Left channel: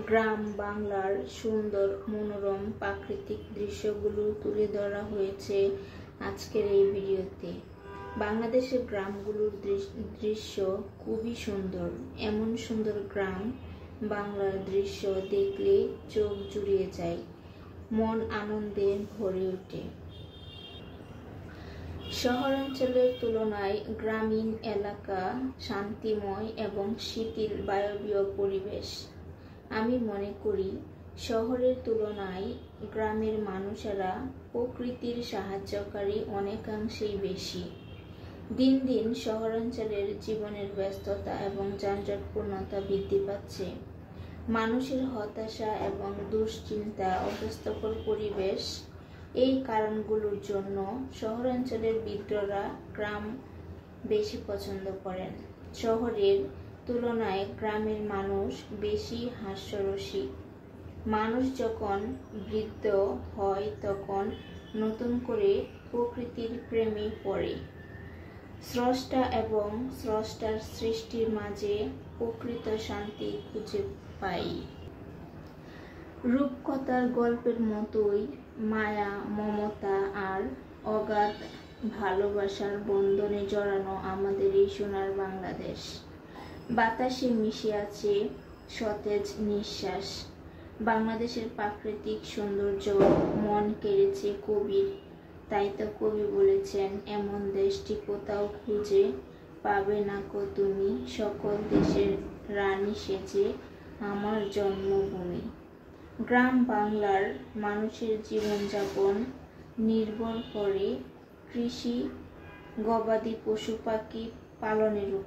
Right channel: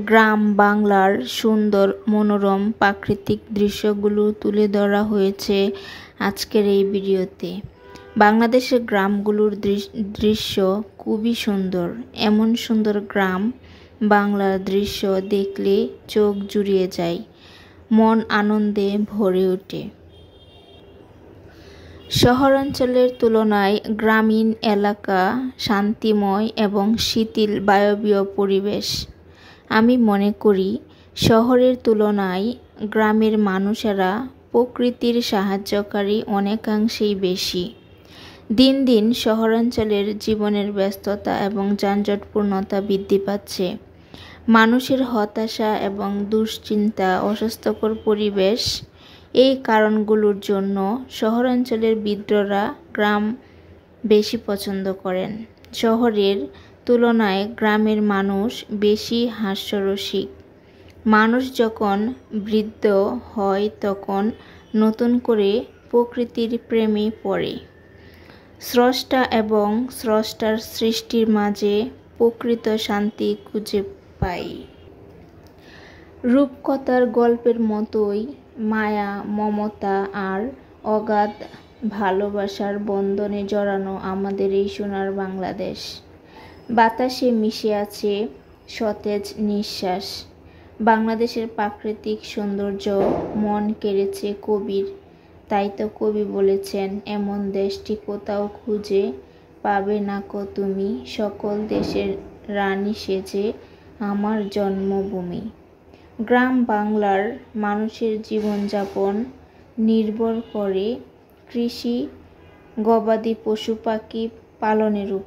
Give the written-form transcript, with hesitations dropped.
গ্রাম বাংলার সুন্দর মনোরম প্রাকৃতিক দৃশ্যগুলো তুলে ধরা হয়েছে আজকের এই ভিডিওতে। বাংলাদেশের গ্রামগুলোর দৃশ্য খুবই সুন্দর। এমন সুন্দর গ্রাম বাংলার দৃশ্য দেখলে চোখ জুড়িয়ে যায়, মন আনন্দে ভরে ওঠে। শহরাঞ্চলের তুলনায় গ্রামীণ এলাকা শান্তিময় এবং শিথিল বায়বীয় পরিবেশ। আমি মনে করি শহরের তুলনায় গ্রামের মানুষেরা প্রকৃতির সাহায্যকারী অনেকাংশেই বেশি। দিন দিন শহরাঞ্চলের জীবনের ব্যস্ততা এবং যানজটপূর্ণতা বৃদ্ধি পাচ্ছে। মানুষের হতাশা এবং দুশ্চিন্তা, অস্বাস্থ্যকর পরিবেশ, এই কারণগুলোর জন্য শহরাঞ্চলের বৃদ্ধরা গ্রাম বেশি পছন্দ করেন। শহরের তুলনায় গ্রামের মানুষ বেশি হাস্যরসিক। মানুষ যখন বৃদ্ধ হয় তখন নতুন করে প্রকৃতির প্রেমে পড়ে। স্রষ্টা এবং স্রষ্টার সৃষ্টির মাঝে প্রকৃত শান্তি খুঁজে পাই। রূপকথার গল্পের মতোই মায়া, মমতা আর অগাধ ভালোবাসার বন্ধনে জড়ানো আমাদের এই সোনার বাংলাদেশ। বাতাসে মিশে আছে সতেজ নিঃশ্বাস। বাংলাদেশের প্রাকৃতিক সৌন্দর্য মন কেড়েছে কবির। তাই তো কবি বলেছেন, এমন দেশটি কোথাও খুঁজে পাবে না কো তুমি, সকল দেশের রানী সেজে আমার জন্মভূমি। গ্রাম বাংলার মানুষের জীবনযাপন নির্ভর করে কৃষি, গবাদি পশু পাখি পালনের উপর।